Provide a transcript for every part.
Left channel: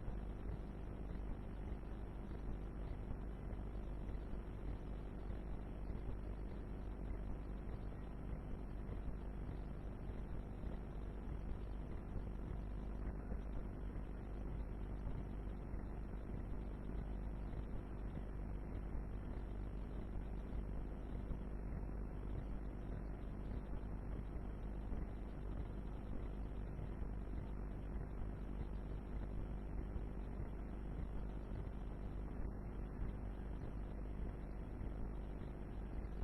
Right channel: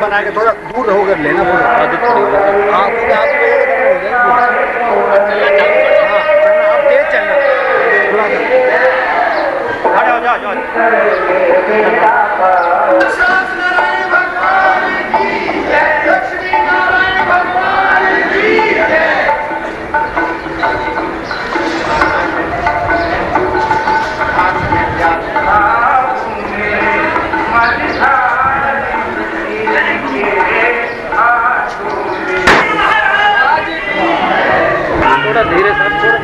बना के थोड़ा दूर होकर लेना पड़ेगा। हाँ क्योंकि आप तेज चलना धीरे सर थोड़ा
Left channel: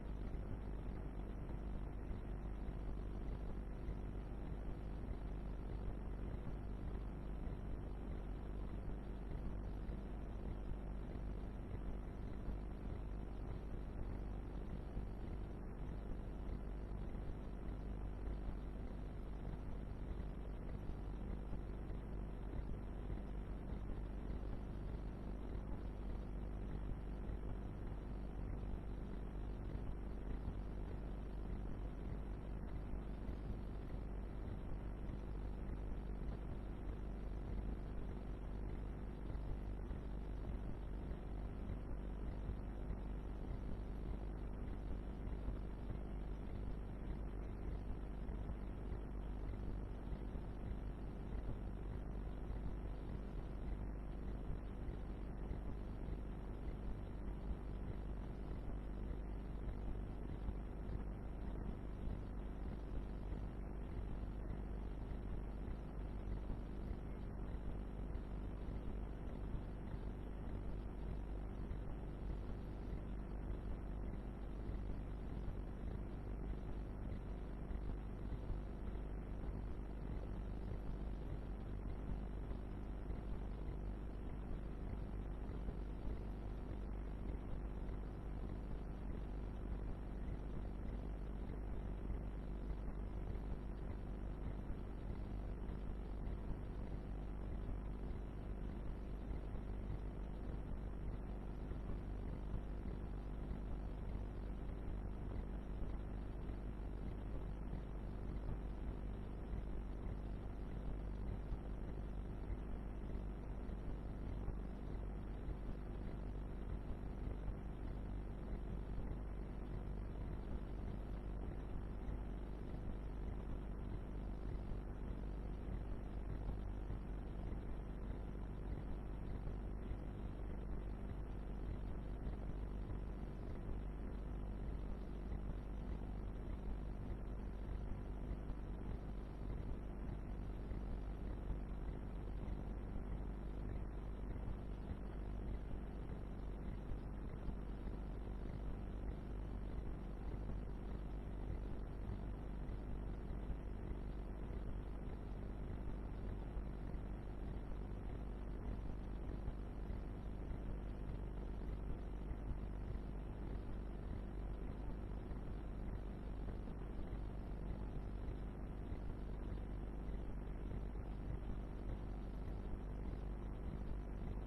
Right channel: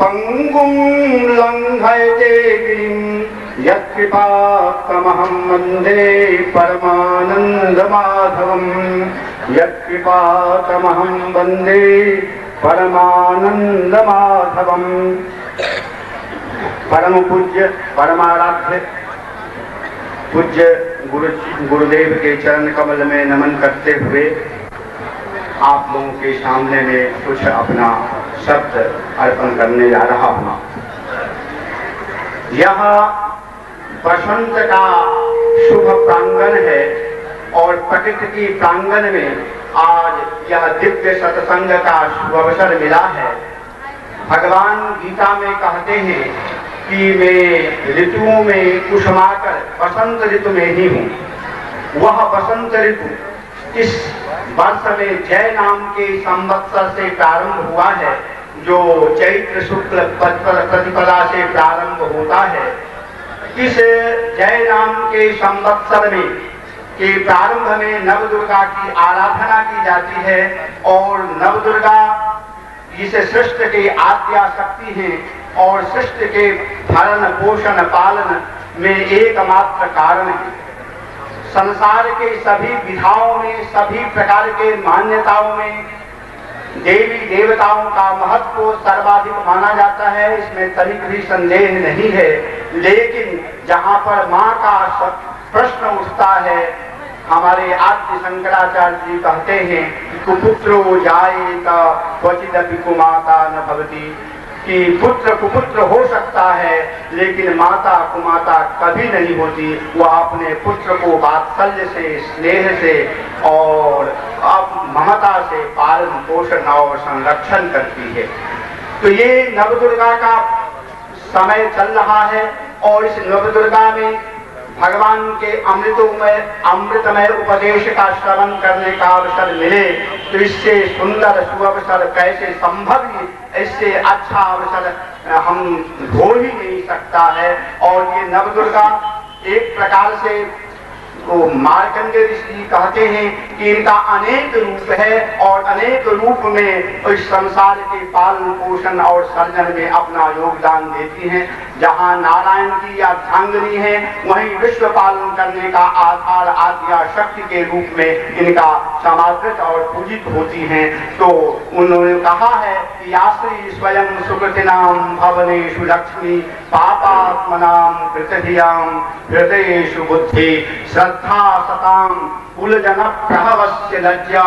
पंगुं लंघयते गिरिं यत्कृपातमहं वन्दे परमानन्दमाधवम् यत्कृपातमहं वन्दे परमानन्दमाधवम्। परम पूज्य परमाराध्य पूज्य गुरुदेव के चरण कमल में नमन करते हुए आप लोगों के सामने में कुछ अपना शब्द अर्पण करने जा रहा हूं। यह बसंत का शुभ प्रांगण है और प्रकृति की प्रांगण में आज यह दिव्य सत्संग का शुभ अवसर मिला है। भगवान गीता में कहते हैं कि मैं ऋतुओं में कुसुमाकर बसंत ऋतु में ही हूँ। वह बसंत ऋतु इस वर्ष में जय नाम के संवत्सर से प्रारंभ हुआ है, जो चैत्र शुक्ल प्रतिपदा से प्रारंभ होता है। इस जय नाम के संवत्सर में के प्रारंभ में नव दुर्गा की आराधना की जाती है और नव दुर्गा जिसे सृष्टि की आद्या शक्ति है और सृष्टि के भरण पोषण पालन में एकमात्र कारण है। संसार के सभी विधाओं में, सभी प्रकार के मान्यताओं में देवी देवताओं का महत्व सर्वाधिक माना जाता है, इसमें तनिक भी संदेह नहीं है। लेकिन जहाँ पर माँ का प्रश्न उठता है, हमारे आद्य शंकराचार्य जी कहते हैं कि कुपुत्रो जायेता क्वचिदपि कुमाता न भवति, कि पुत्र कुपुत्र हो सकता है लेकिन माता कुमाता कभी नहीं होती। वह अपने पुत्र को वात्सल्य से, स्नेह से और ममता से पालन पोषण और संरक्षण करती है। तो ये नवदुर्गा का समय चल रहा है और इस नवदुर्गा में भगवान के अमृतमय उपदेश का श्रवण करने का अवसर मिले तो इससे सुंदर सुअवसर कैसे संभव ही, इससे अच्छा अवसर हम हो ही नहीं सकता है। और ये नवदुर्गा एक प्रकार से मार्कंडेय ऋषि कहते हैं कि इनका अनेक रूप है और अनेक रूप में इस संसार के पालन पोषण और सर्जन में अपना योगदान देती हैं। जहाँ नारायण की या ध्यांगनी है, वहीं विश्व पालन करने का आधार आद्या शक्ति के रूप में इनका समादृत और पूजित होती हैं। तो उन्होंने कहा है कि आश्री स्वयं सुकृतिनाम भवनेषु लक्ष्मी पापात्मनाम कृतधियाम हृदयेषु बुद्धि श्रद्धा सताम कुलजन प्रभवस्य लज्जा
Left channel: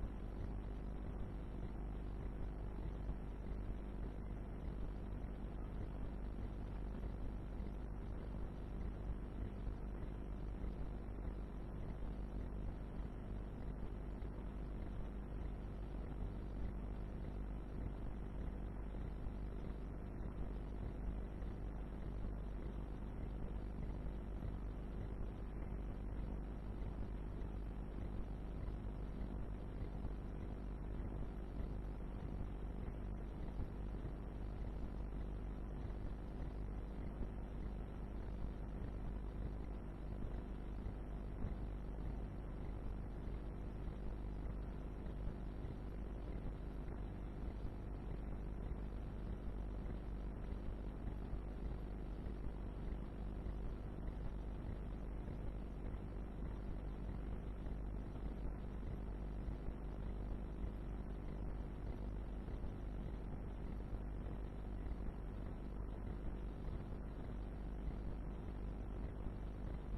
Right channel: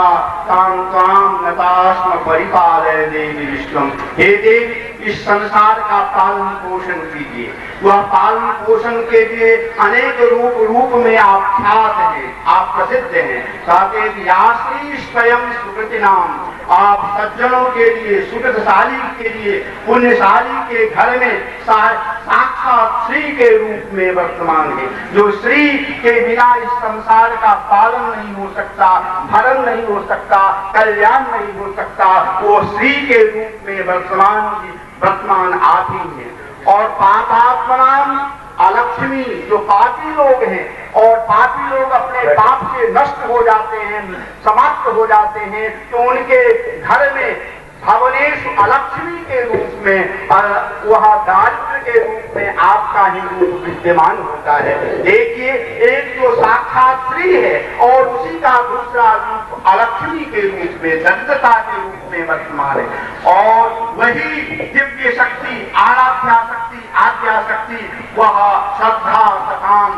ताम त्वाम नतास्म परिपालय देवी विश्वम। हे देवी, इस संसार का पालन पोषण कीजिए। वह पालन पोषण के लिए अनेक रूप में आप ख्यात हैं, आप प्रसिद्ध हैं। कहते हैं स्वयं सुकृति नाम, आप सज्जनों के लिए, सुकृतशाली के लिए, पुण्यशाली के घर में साक्षात श्री के रूप में वर्तमान है। जो श्री के बिना इस संसार का पालन नहीं हो सकता, भरण नहीं हो सकता, कल्याण नहीं हो सकता, वो श्री के रूप में वर्तमान आप ही हैं। और पापात्मनाम अलक्ष्मी, जो पापी लोग हैं और पापी लोग अपने पाप से नष्ट हो जाते हैं, समाप्त हो जाते हैं, तो उनके घर में भवनेश अलक्ष्मी के रूप में और वह दारिद्र के रूप में आपका ही रूप विद्यमान होता है। देखिए, एक तो साक्षात श्री है और उसी का दूसरा रूप अलक्ष्मी के रूप में, दरिद्रता के रूप में वर्तमान है। और वही दिव्य शक्ति, आराध्या शक्ति, आद्या शक्ति, वह श्रद्धा सताम,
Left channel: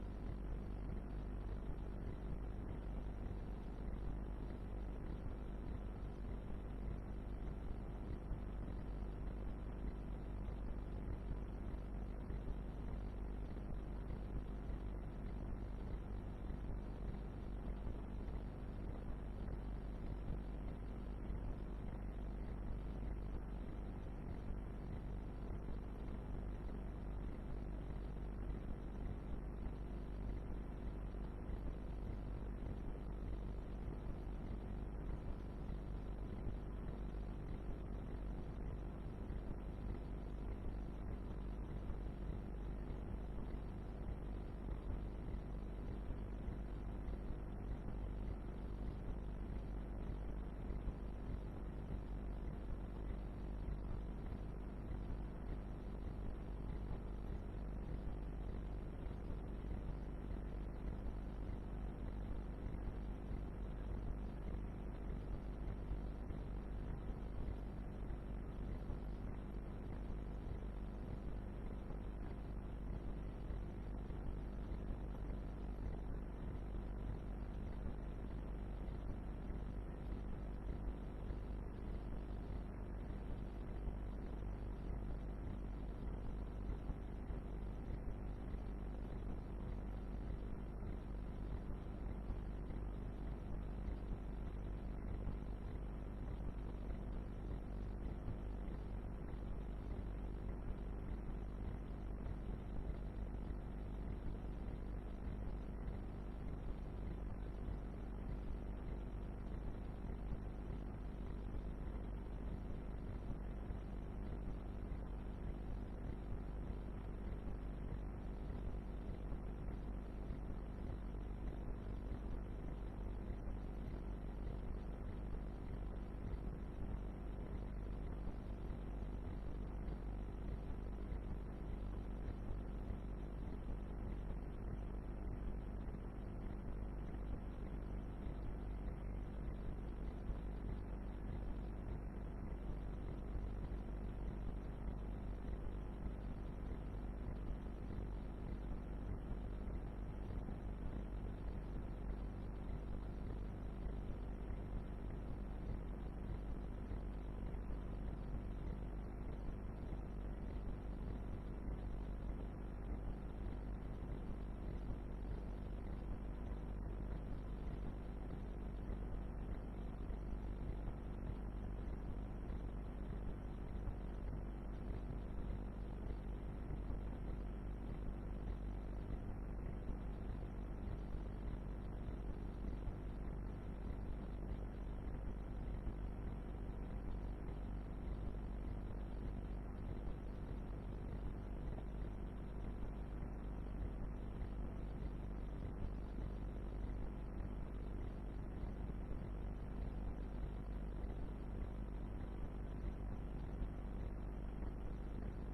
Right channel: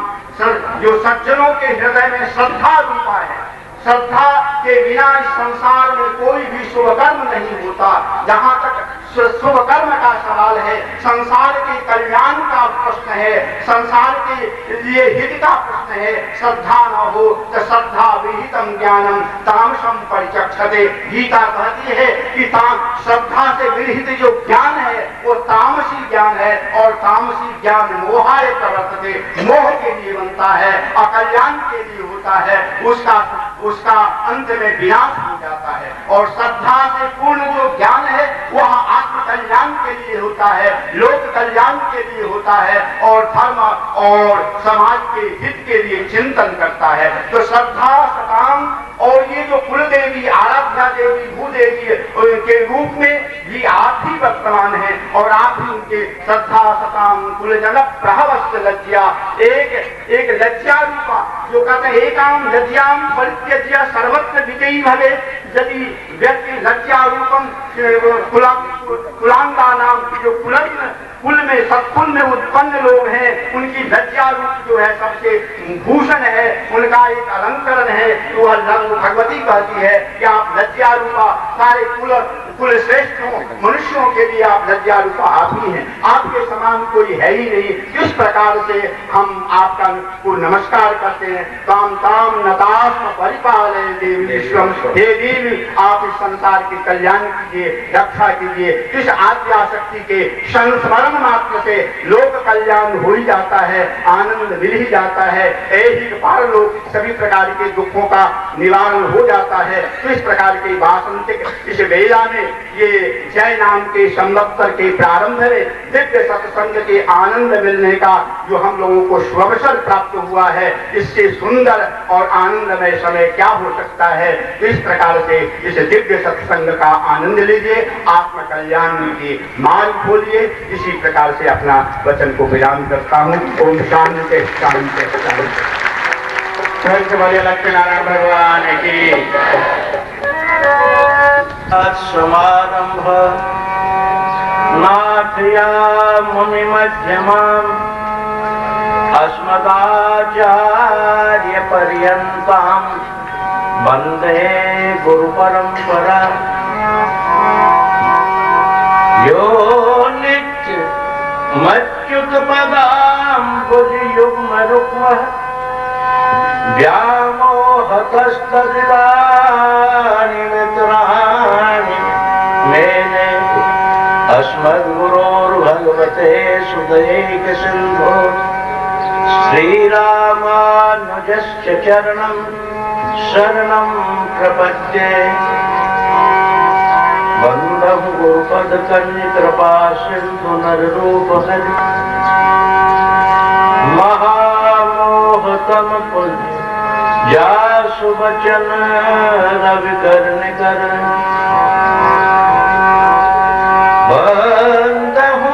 जो सज्जनों के हृदय में श्रद्धा रूपा है। श्रद्धा के बिना इस संसार में कोई भी शुभ कर्म नहीं होता। जहाँ तक शुभ कर्म का सवाल है, संसार के कल्याण का प्रश्न है, संसार के लिए हित का प्रश्न है, श्रद्धा न हो तो श्रद्धा विहितम ज्ञानम तामसम परिचक्षते। गीता कहती है कि श्रद्धा से विहित जो ज्ञान है वो तामसी ज्ञान है और तामसी ज्ञान मोहाय प्रवर्तते, मोह के लिए बनता है, अकल्याण के लिए होता है, उसका अंत में विनाश हो जाता है। और श्रद्धा से पूर्ण जो ज्ञान है वह आत्म कल्याण के लिए होता है, लोक कल्याण के लिए होता है और धर्म और समाज के हित के लिए चिंतन करता है। तो श्रद्धा सताम, और ये जो कुलदेवी, आराध्या देवी, भूदेवी के रूप में भी आप ही वर्तमान है और आप ही उनके श्रद्धा सताम कुलजन प्रभवस्य लज्जा, एक लज्जा रूपा, जो कहते हैं एकाम लज्जाम परित्यज्य सर्वत्र विजयी भवे। यदि व्यक्ति लज्जा रूपम कुलांगा नाम, जो कुल में सत्कुल में उत्पन्न लोग हैं, उनकी लज्जा रूप जो है सबसे भूषण है, उनका एक अलंकरण है। तो भगवती कहती है कि आप लज्जा रूपा, सारे कुल श्रेष्ठ मनुष्यों के लिए आप लज्जा रूपा आप ही हैं, आपके समान कोई है ही नहीं। किस प्रकार से हम आपका को नमस्कार करते हैं। ताम ताम नतास्म परिपालय देवी विश्वम। हे देवी, आप इस संसार के कल्याण कीजिए, रक्षा कीजिए। इस आद्या शक्ति के संस्मरण मात्र से लोक कल्याण हो ही जाता है, आनंद मिल ही जाता है, एक बार लोग सभी प्रकार के दुखों का निवारण हो जाता है। तो इस प्रकार के वासंतिक इस वेला में ये जय नाम के संवत्सर के प्रारंभ में दिव्य सत्संग के आनंद मिलने का जो हम लोगों को शुभावसर प्राप्त हुआ है, इससे सुंदर और आनंदमय समय क्या हो सकता है। तो इस प्रकार से इस दिव्य सत्संग का आनंद लीजिए, आत्म कल्याण की मार्ग खोलिए। इसी प्रकार से अपना वचन को विराम करता हूँ। ओम शांति शांति शांति। वाले लक्ष्मी नारायण भगवान की समारंभ नाथया मुनि मध्यमाम अस्मदाचार्य पर्यंताम वंदे गुरु परंपरा। यो नित्य मच्युत पदाम्बुज युग्म रुक्म व्यामोहतस्तदिदानि वितराणि मेने अस्मद्गुरोर्भगवते सुदयैक सिन्धो श्रीरामानुजस्य चरणं शरणं प्रपद्ये। वन्दं गुरुपदकन्यकृपा सिन्धु नररूपहरि महामोहतम पुण्य जासु वचन रवि कर बंदहु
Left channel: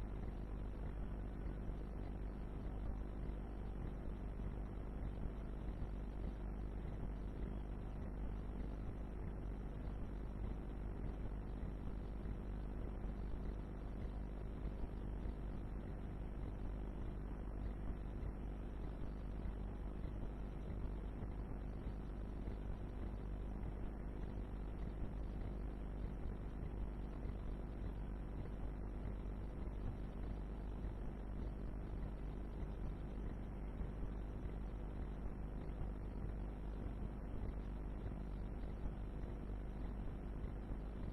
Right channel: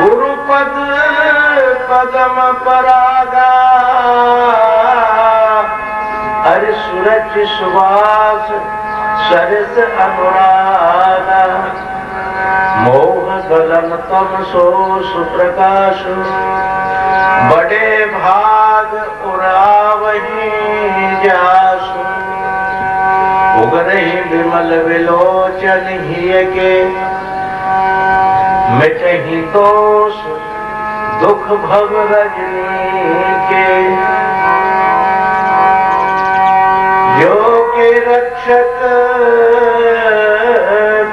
गुरुपद पदम परागा। हरि सूरज सुवास सरस अनुरागा। मोह गगन तम सो सुप्रकाश बड़े भाग उरावही जासु। उगरहि विमल विलोचन हिय के मिटहि दोष दुख भव रजनी के। जो के रक्षक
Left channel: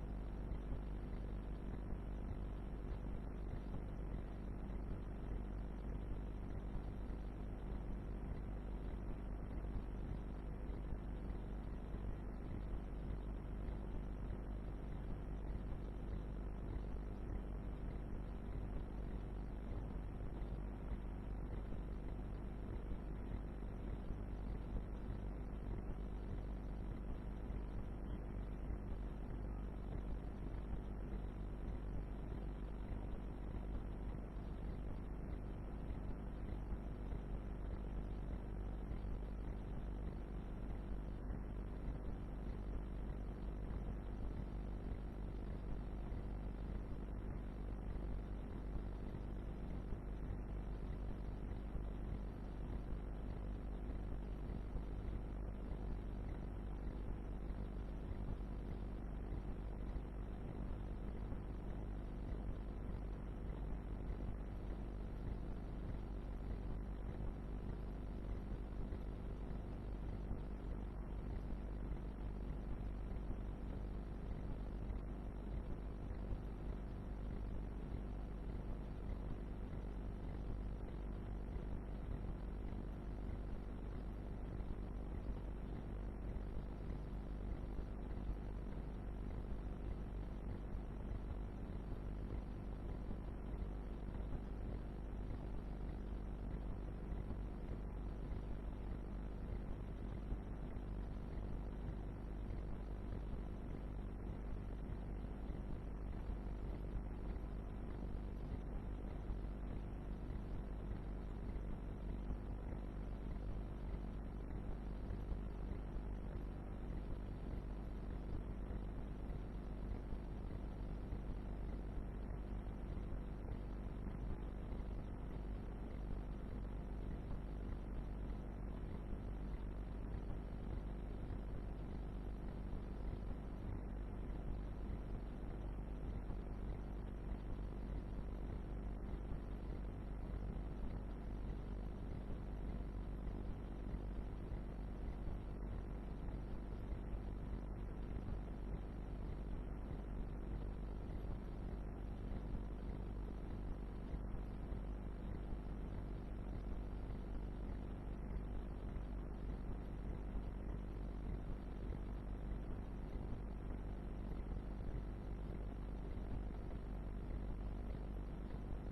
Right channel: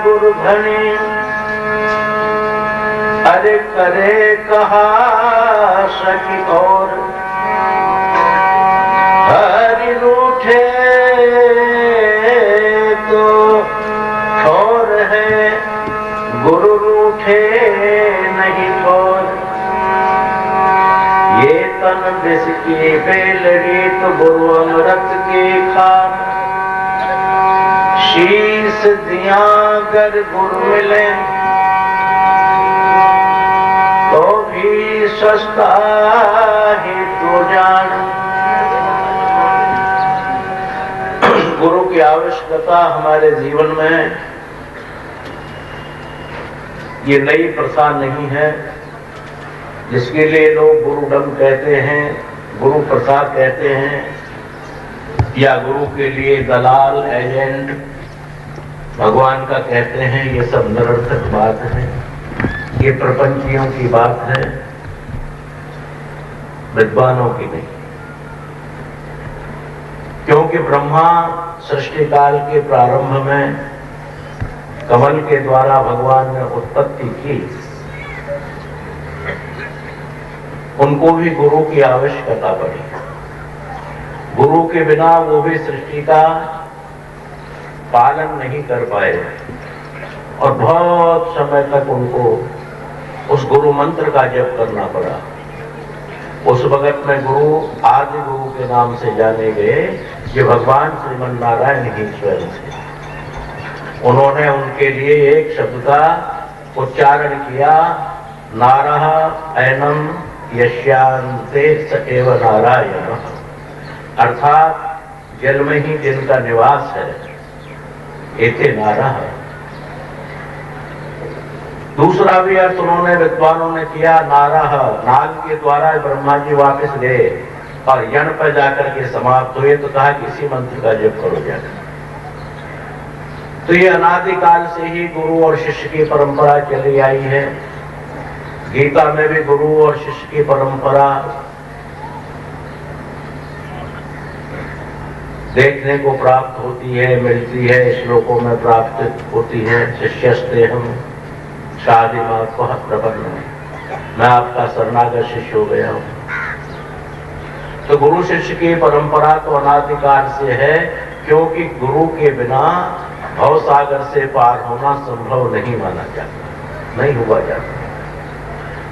गुरु धनी अरे करे कहा सखी और हरि रूठे तो ठोर है गुरु रूठे नहीं ठोर। ये तन विष की बेलड़ी तो गुरु अमृत की खान। शीश दिया कर गुरु मिले तो भी सस्ता ही तो जान। गुरु की आवश्यकता हमारे जीवन में ये नई प्रथा नहीं है, जिसके लिए लोग गुरुडम कहते हैं, गुरु प्रसाद कहते हैं, या गुरु के लिए दलाल एजेंट भगवान का कहते हैं। ये सब निरर्थक बात है, ये प्रपंचियों की बात है, विद्वानों की नहीं। क्योंकि ब्रह्मा सृष्टि काल के प्रारंभ में कमल के द्वारा भगवान ने उत्पत्ति की, उनको भी गुरु की आवश्यकता पड़ी। गुरु के बिना वो भी सृष्टि का पालन नहीं कर पाए और बहुत समय तक उनको उस गुरु मंत्र का जप करना पड़ा। उस वक्त में गुरु आदि गुरु के नाम से जाने गए, ये भगवान श्रीमन नारायण ही स्वयं थे। उन्होंने उनके लिए एक शब्द का उच्चारण किया, नारः ऐनम यस्यांते स एव नारायण। अर्थात जल में ही जिनका निवास है, एते नारः। दूसरा भी अर्थ उन्होंने विद्वानों ने किया, नारः, नाग के द्वारा ब्रह्मा जी वापस गए और यण पर जाकर के समाप्त हुए, तो कहा किसी मंत्र का जप करो जाकर। तो ये अनादिकाल से ही गुरु और शिष्य की परंपरा चली आई है। गीता में भी गुरु और शिष्य की परंपरा देखने को प्राप्त होती है, मिलती है, श्लोकों में प्राप्त होती है। शिष्यस्तेहम् शादिमात प्रपन्न, मैं आपका शरणागत शिष्य हो गया हूं। तो गुरु शिष्य की परंपरा तो अनादिकाल से है, क्योंकि गुरु के बिना भव सागर से पार होना संभव नहीं माना जाता, नहीं हुआ जाता।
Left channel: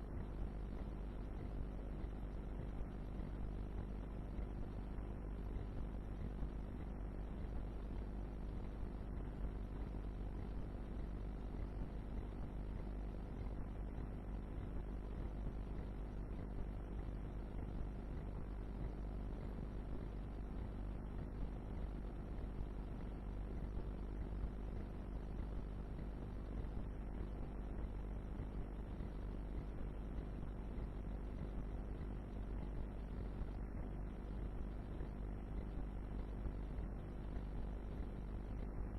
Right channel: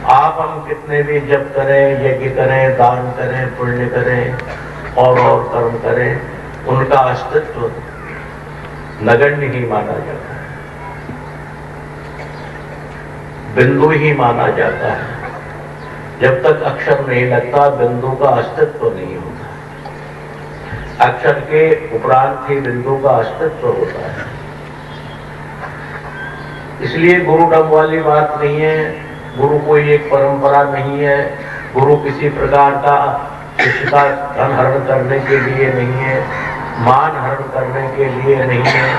आप हम कितने भी जप करें, यज्ञ करें, दान करें, पुण्य करें और कर्म करें, उनका अस्तित्व नगण्य ही माना जाता है, बिंदु ही माना जाता है। जब तक अक्षर नहीं लगता, बिंदु का अस्तित्व नहीं होता। अक्षर के उपरांत ही बिंदु का अस्तित्व होता है। इसलिए गुरुडम वाली बात नहीं है, गुरु कोई एक परंपरा नहीं है, गुरु किसी प्रकार का शिष्य का धन हरण करने के लिए नहीं है, मान हरण करने के लिए नहीं है,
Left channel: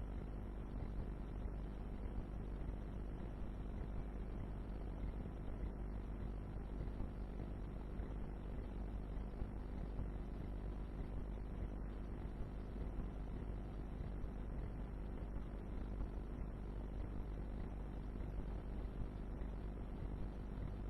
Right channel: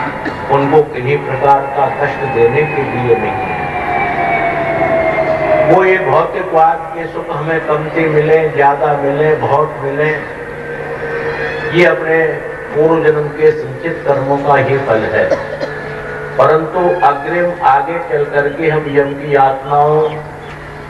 उनको किन्हीं प्रकार का कष्ट देने के लिए नहीं है। वो ये भौतिकवाद के सुख हमें कमती मिले, ज्यादा मिले, बहुत मिले, ये अपने पूर्व जन्म के संचित कर्मों का ही फल है। परंतु अग्रिम आगे चल करके हम यम की यातनाओं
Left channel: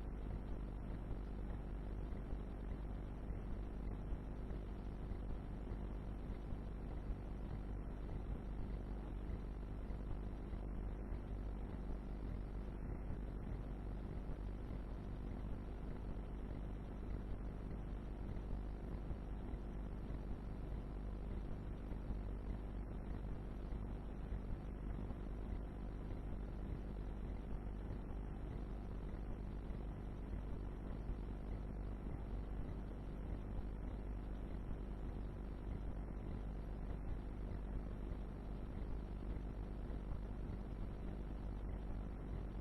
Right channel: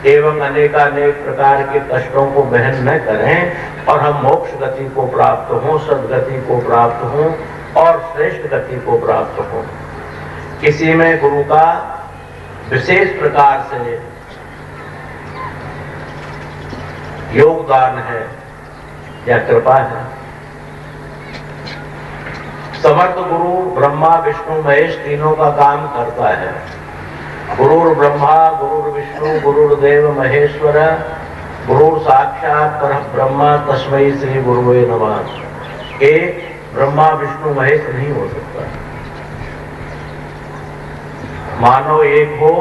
एवं अनेकानेक प्रकार के कष्टों को वहन न करें और हम मोक्ष गति को प्राप्त हों, सदगति को प्राप्त हों और श्रेष्ठ गति को प्राप्त हों। किसी में गुरु का विशेष प्रकार से योगदान है या कृपा है। समर्थ गुरु ब्रह्मा विष्णु महेश तीनों का काम करता है। गुरुर ब्रह्मा गुरुर विष्णु गुरुर्देव महेश्वर गुरुर साक्षात परब्रह्म तस्मै श्री गुरुवे नमः। एक ब्रह्मा विष्णु महेश नहीं हो सकता। मानो एक हो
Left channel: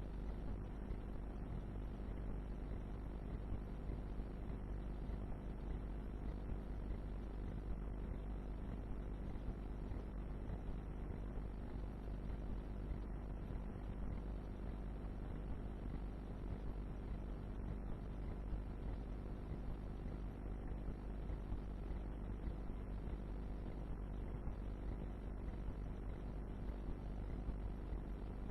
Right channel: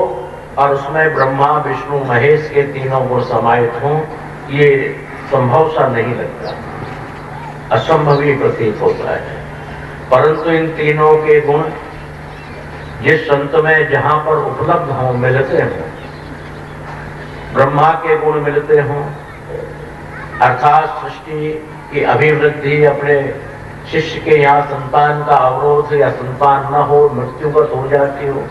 और उसमें ब्रह्मा विष्णु महेश के तीनों गुण समाहित हों, ये संभव सा नहीं लगता, असंभव ही प्रतीत होता है। परंतु इन तीनों के गुण जिस संत में जहां पर उपलब्ध हों, मिलते हों, ब्रह्मा के गुण मिलते हों, अर्थात सृष्टि की अभिवृद्धि, अपने शिष्य के यहाँ संतान का अवरोध या संतान न हो, मृत्युगत हो जाती हो,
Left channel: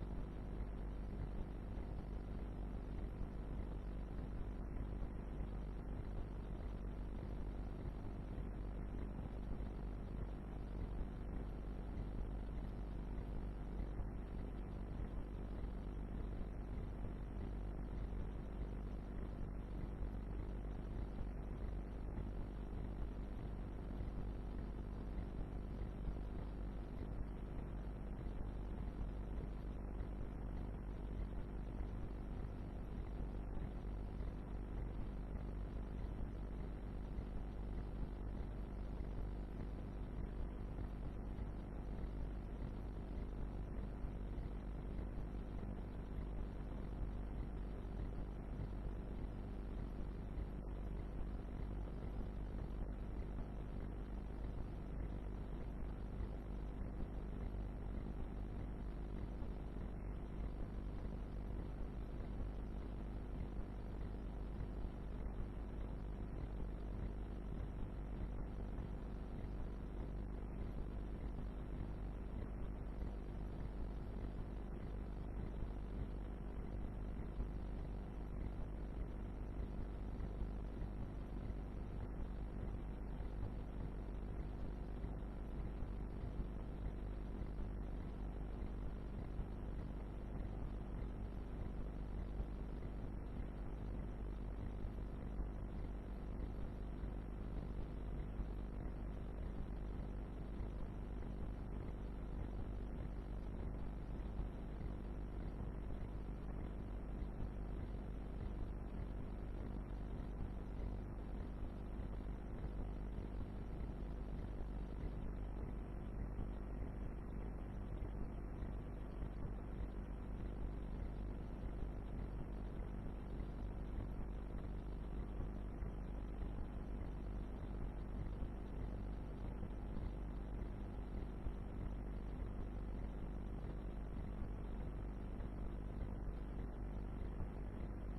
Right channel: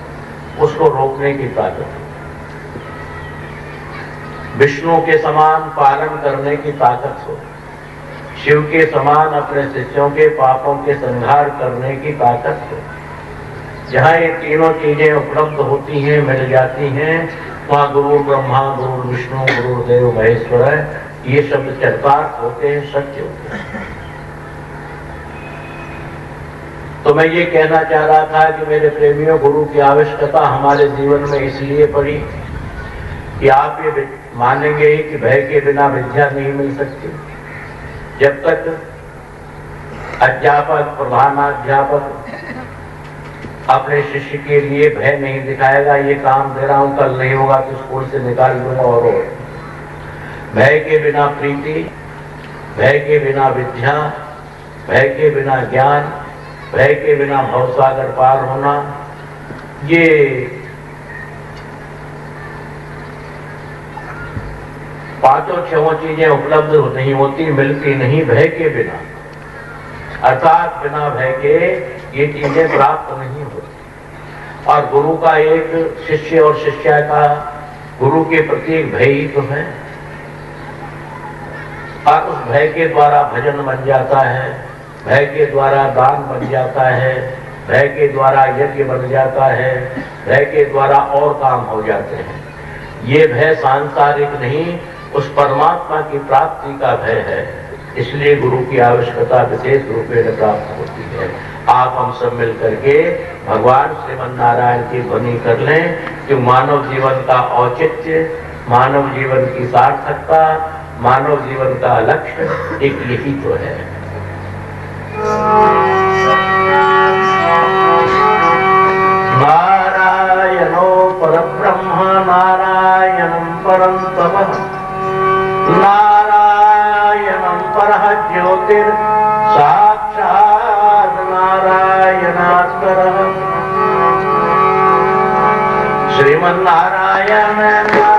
उसको रोकने की ताकत, विष्णु के समान पालन करने की ताकत हो, शिव के समान अपने शिष्यों के पापों के संहार करने की ताकत हो। जहाँ ये तीनों चीजें उपलब्ध होती हैं, मिल जाती हैं, वहाँ गुरु ब्रह्मा गुरु विष्णु गुरुदेव महेश्वर है, ये शब्द चरितार्थ होते हैं, सत्य होते हैं। तो मैं ये कहना चाह रहा था कि मेरे प्रेमियों, गुरु की आवश्यकता हमारे जीवन में इसलिए पड़ी कि आप ये मानेंगे कि भय के बिना विद्या नहीं मिल सकती। जब तक अध्यापक प्रधानाध्यापक अपने शिष्य के लिए भय नहीं दिखाएगा, ये काम दे रहा हूं, कल नहीं होगा तो स्कूल से निकाल दूंगा, और भय के बिना प्रीति, भय के बिना विद्या, भय के बिना ज्ञान, भय के बिना भवसागर पार होना, ये पांचों छहों चीजें उपलब्ध नहीं होती, मिलती नहीं भय के बिना। अर्थात बिना भय के ये चीजें प्राप्त नहीं होती। और गुरु का एक शिष्य और शिष्या का गुरु के प्रति एक भय ही तो है, और उस भय के द्वारा भजन बन जाता है, भय के द्वारा दान बन जाता है, भय के द्वारा यज्ञ बन जाता है, भय के द्वारा और काम हो जाते हैं। ये भय सांसारिक नहीं, उस परमात्मा की प्राप्ति का भय है। इसलिए गुरु की आवश्यकता विशेष रूप में प्राप्त होती है। आप हम सब मिल करके भगवान श्रीमन नारायण की ध्वनि कर लें कि मानव जीवन का औचित्य, मानव जीवन की सार्थकता, मानव जीवन का लक्ष्य एक यही तो है। नारायणो परब्रह्म नारायणं परं तपः नारायणं परः ज्योतिर् साक्षात् नारायणात् परः श्रीमन्नारायण नारायण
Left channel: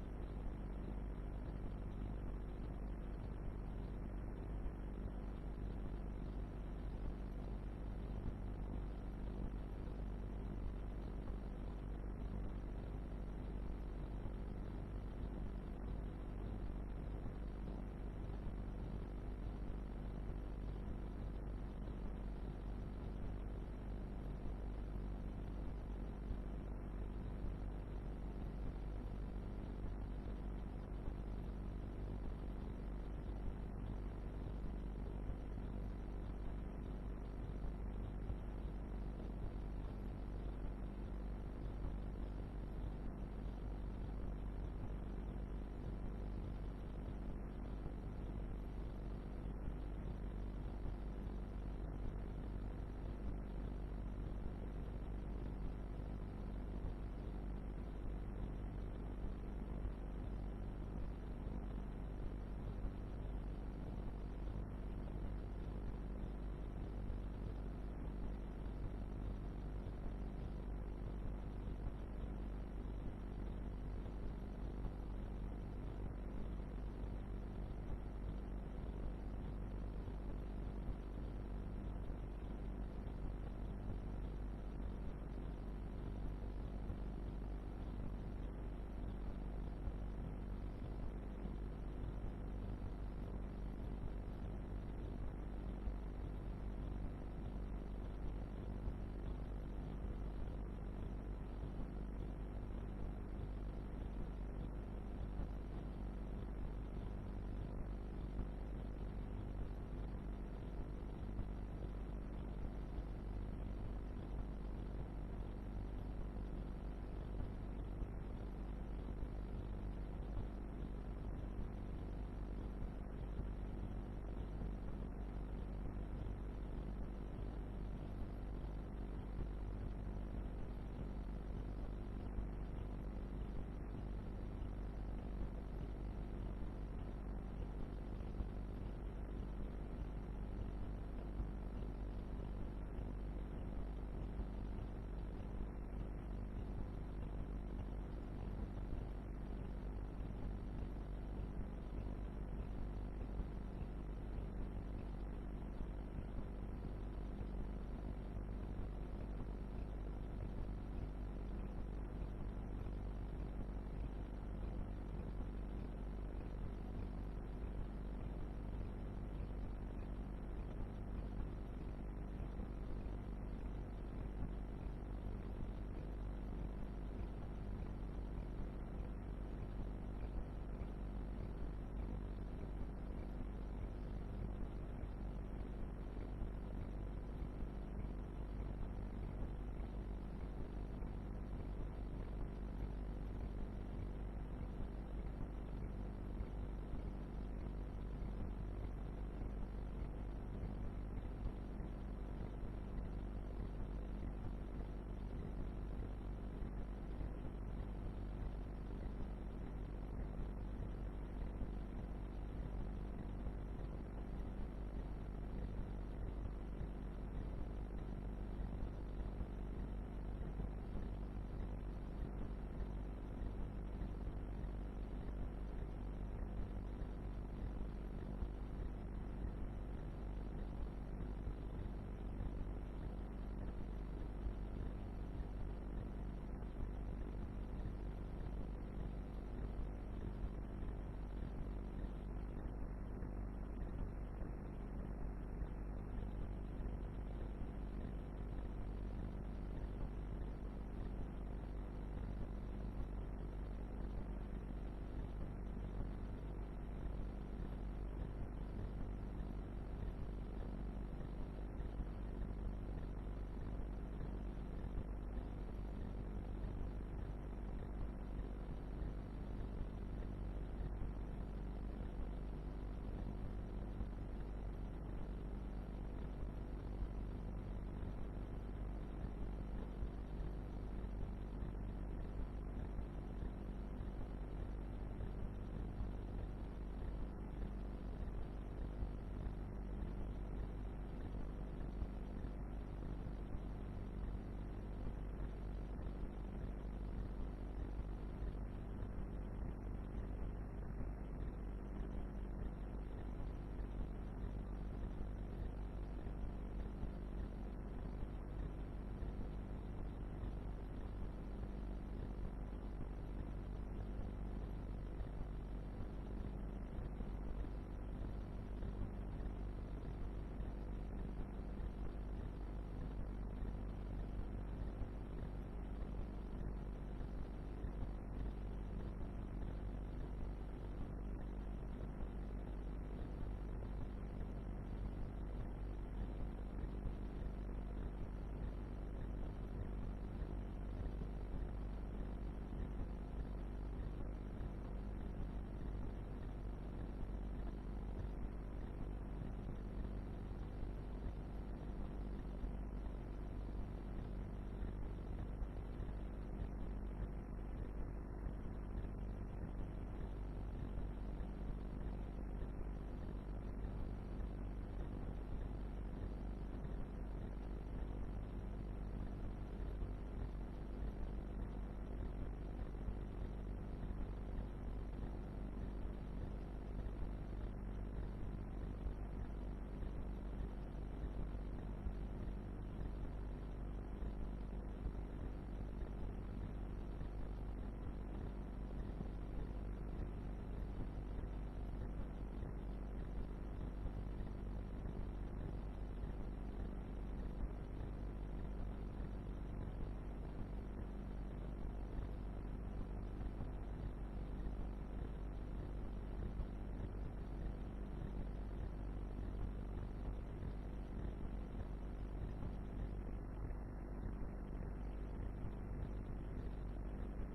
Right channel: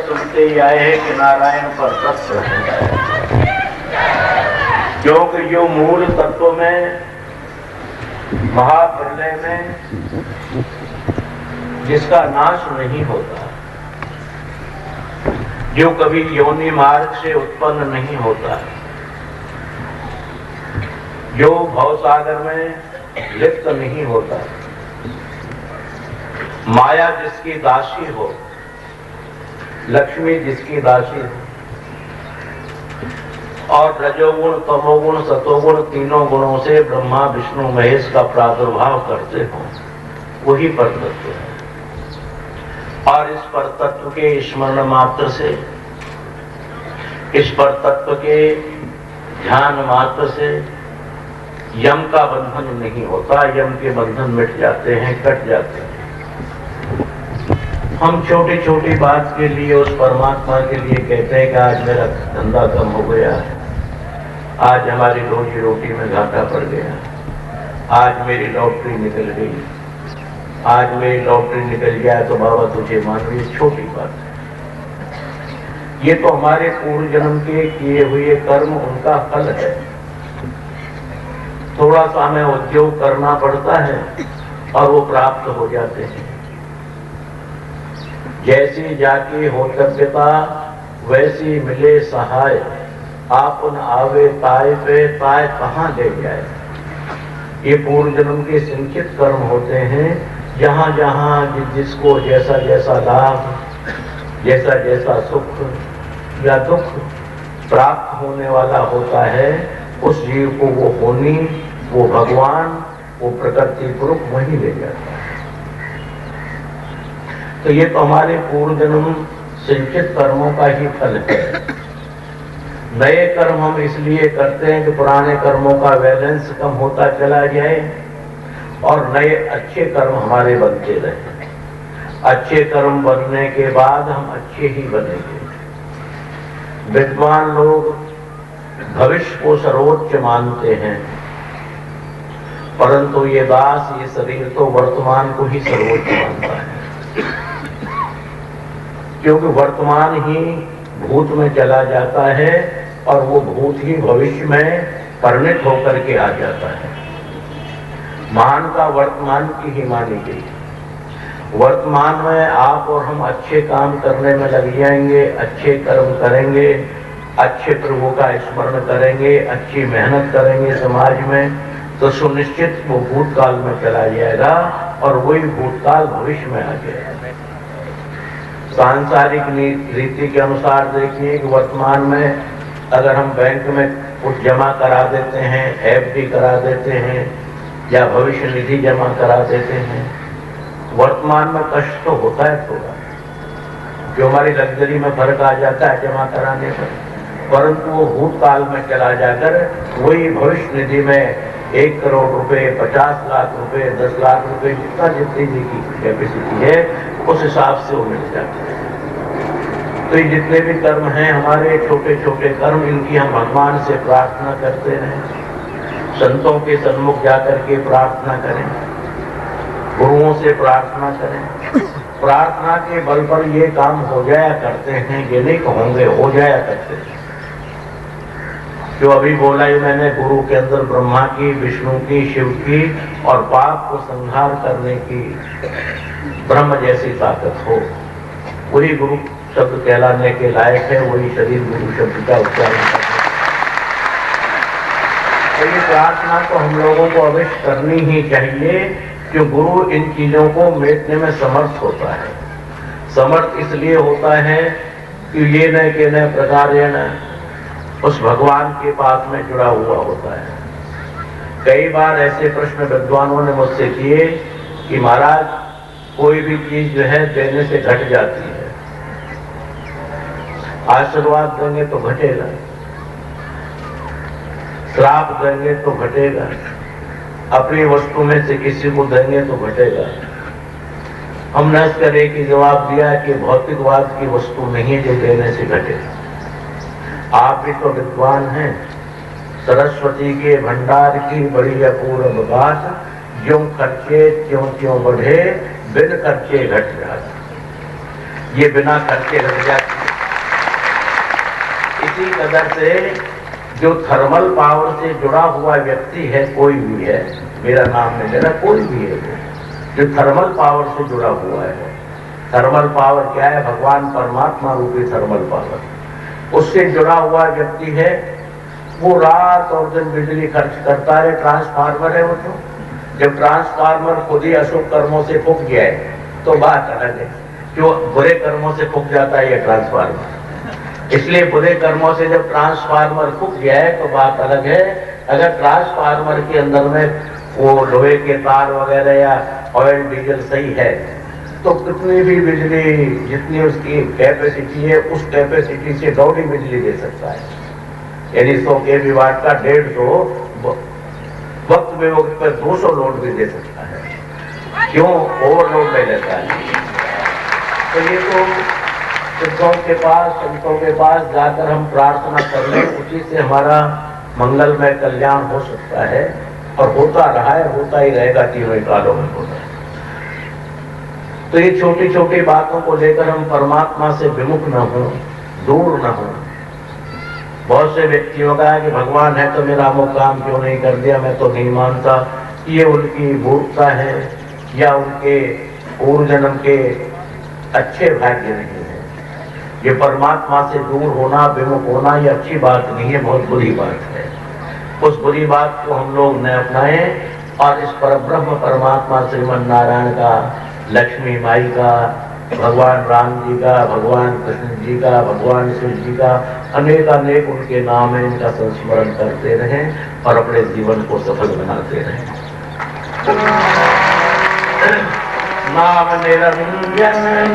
सुनते ही आए हैं कि नारायण पर तत्व है, क्योंकि जो मूल तत्व में महाप्रलय में जिसका नाश नहीं होता, जो कभी योनि मार्ग से उत्पन्न नहीं होता, जो भवसागर में लिप्त नहीं होता, माया जिसकी दासी हो, लक्ष्मी जिसकी दासी हो, और रजोगुण तमोगुण सतोगुण तीनों गुणों से ब्रह्मा विष्णु महेश का प्रादुर्भाव करते हो, वही परतत्व है। और इस परतत्व के स्मरण मात्र से, इस परतत्व के ध्यान मात्र से यम का बंधन नहीं होता, यम के बंधन मिट जाते हैं, कट जाते हैं। हम छोटी छोटी बात के लिए उस परमात्मा के लिए कहते हैं कि आज मेरा धंधा कम हो गया है, आज हमारी रोजी रोटी में घाटा पड़ गया, आज मेरी लॉटरी निकल गई, आज मेरी लॉटरी निकल गया तो बाबा तुझे मानो, ये छोटी बात है। ये तो हमारे पूर्व जन्म के किए हुए कर्म उनका फल है। थोड़ा सा हमें उद्योग करना पड़ता है और वो प्राप्त हो जाते हैं। जैसी जाके हो तब्यता वैसी मिले सहाय, आपन आवे ताय पे ताय कहाँ ले जाए। ये पूर्व जन्म के संचित कर्म होते हैं। जहां जहां जिसको जैसा जैसा लाभ, जैसा जैसा सुख या दुख प्राप्त होने वाला होता है, उस जीव को वो होनी, वो भगवान, वो प्रकृति पुरुष वही ले जाता है। तो ये तो हमारे पूर्व जन्म संचित कर्मों का ही फल है। नए कर्म हम इसलिए करते हैं कि पुराने कर्मों का बैलेंस कम होता चला जाए और नए अच्छे कर्म हमारे बनते रहे। अच्छे कर्म बनने के बाद हम अच्छे ही बनेंगे। विद्वान लोग भविष्य को सर्वोच्च मानते हैं, परंतु ये दास, ये शरीर तो वर्तमान को ही सर्वोच्च मानता है, क्योंकि वर्तमान ही भूत में चला जाता है और वो भूत ही भविष्य में परिणत होकर के आ जाता है। मान का वर्तमान की ही मानी गई। वर्तमान में आप और हम अच्छे काम करने में लग जाएंगे, अच्छे कर्म करेंगे, अच्छे प्रभु का स्मरण करेंगे, अच्छी मेहनत करेंगे समाज में, तो सुनिश्चित वो भूतकाल में चला जाएगा और वही भूतकाल भविष्य में आ जाएगा। सांसारिक रीति के अनुसार देखिए कि वर्तमान में अगर हम बैंक में कुछ जमा करा देते हैं, एफडी करा देते हैं या भविष्य निधि जमा करा देते हैं, वर्तमान में कष्ट तो होता है थोड़ा, जो हमारी लग्जरी में फर्क आ जाता है जमा कराने पर, परंतु वो भूतकाल में चला जाकर वही भविष्य निधि में 1 करोड़ रुपए, 50 लाख रुपए, 10 लाख रुपए, जितनी की कैपेसिटी है उस हिसाब से वो मिल जाती है। तो ये जितने भी कर्म हैं हमारे, छोटे छोटे कर्म, इनकी हम भगवान से प्रार्थना करते रहें, संतों के सन्मुख जाकर के प्रार्थना करें, गुरुओं से प्रार्थना करें। प्रार्थना के बल पर ये काम हो जाया करते हैं, ये नहीं कहोगे, हो जाया करते हैं। जो अभी बोला ही मैंने, गुरु के अंदर ब्रह्मा की, विष्णु की, शिव की और पाप को संहार करने की ब्रह्म जैसी ताकत हो, वही गुरु शब्द कहलाने के लायक है, वही शरीर गुरु शब्द का उच्चारण करता है। तो ये प्रार्थना तो हम लोगों को अवश्य करनी ही चाहिए, कि गुरु इन चीजों को मेटने में समर्थ होता है। समर्थ इसलिए होता है कि ये न के न प्रकार उस भगवान के पास में जुड़ा हुआ होता है। कई बार ऐसे प्रश्न विद्वानों ने मुझसे किए कि महाराज, कोई भी चीज जो है देने से घट जाती है, आशीर्वाद देंगे तो घटेगा, श्राप देंगे तो घटेगा, अपनी वस्तु में से किसी को देंगे तो घटेगा। हमने इसका एक ही जवाब दिया कि भौतिकवाद की वस्तु नहीं है जो देने से घटेगा। आप भी तो विद्वान हैं, सरस्वती के भंडार की बड़ी अपूर्व बात, ज्यों खर्चे त्यों त्यों बढ़े, बिन खर्चे घट जाते। ये बिना खर्चे घट जाती है। इसी कदर से जो थर्मल पावर से जुड़ा हुआ व्यक्ति है, कोई भी है, मेरा नाम नहीं लेना, कोई भी है जो थर्मल पावर से जुड़ा हुआ है। थर्मल पावर क्या है? भगवान परमात्मा रूपी थर्मल पावर। उससे जुड़ा हुआ व्यक्ति है, वो रात और दिन बिजली खर्च करता है। ट्रांसफार्मर है वो तो, जब ट्रांसफार्मर खुद ही अशुभ कर्मों से फूक गया है तो बात अलग है। जो बुरे कर्मों से फूक जाता है ये ट्रांसफार्मर, इसलिए बुरे कर्मों से जब ट्रांसफार्मर फूक गया है तो बात अलग है। अगर ट्रांसफार्मर के अंदर में वो लोहे के तार वगैरह या ऑयल डीजल सही है तो कितनी भी बिजली, जितनी उसकी कैपेसिटी है, उस कैपेसिटी से डबल बिजली दे सकता है। यानी 100 kW का 150 वक्त में वक्त पर 200 लोड भी दे सकता है। क्यों? ओवरलोड ले लेता है। तो ये तो सिद्धों के पास, संतों के पास जाकर हम प्रार्थना कर लें, उसी से हमारा मंगलमय कल्याण हो सकता है और होता रहा है, होता ही रहेगा, तीनों कालों में होता है। तो ये छोटी छोटी बातों को लेकर हम परमात्मा से विमुख न हों, दूर न हो। बहुत से व्यक्तियों का है कि भगवान है तो मेरा वो काम क्यों नहीं कर दिया, मैं तो नहीं मानता। ये उनकी मूर्खता है या उनके पूर्व जन्म के अच्छे भाग्य नहीं है। ये परमात्मा से दूर होना, विमुख होना, ये अच्छी बात नहीं है, बहुत बुरी बात है। उस बुरी बात को हम लोग न अपनाएं और इस परब्रह्म परमात्मा श्रीमन नारायण का, लक्ष्मी माई का, भगवान राम जी का, भगवान कृष्ण जी का, भगवान शिव जी का अनेक अनेक उनके नाम है, इनका संस्मरण करते रहें और अपने जीवन को सफल बनाते रहें। नाम निरंजन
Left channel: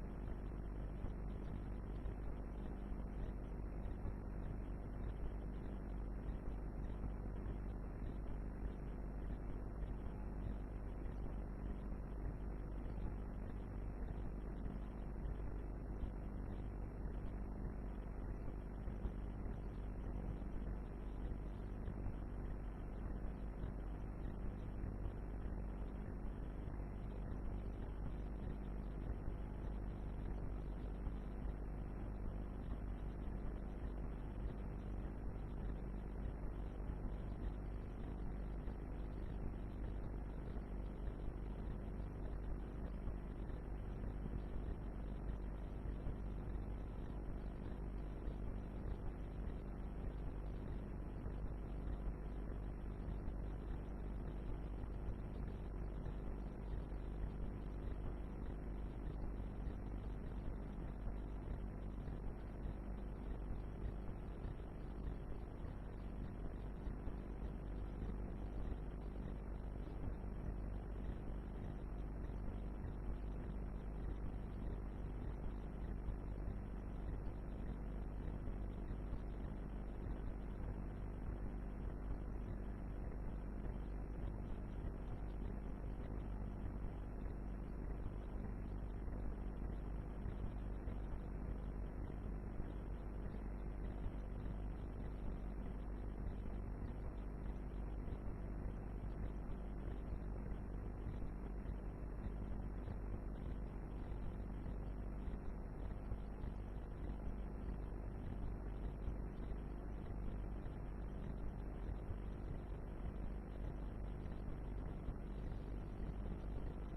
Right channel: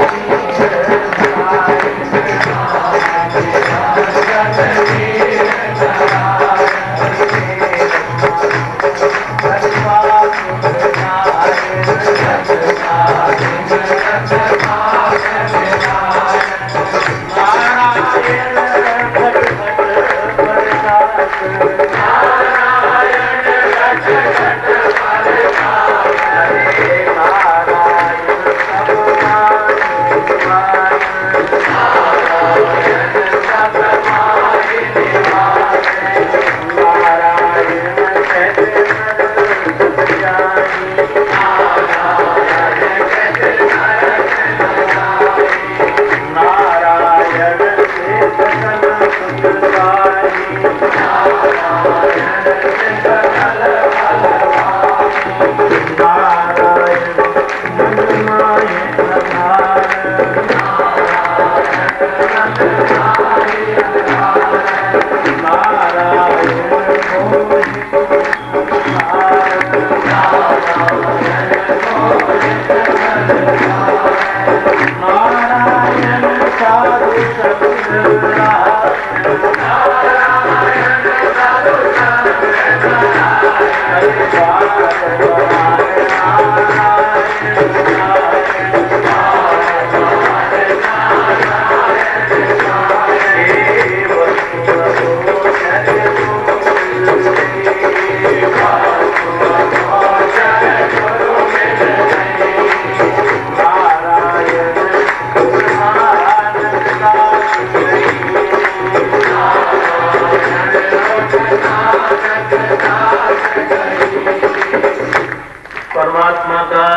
परमात्मा का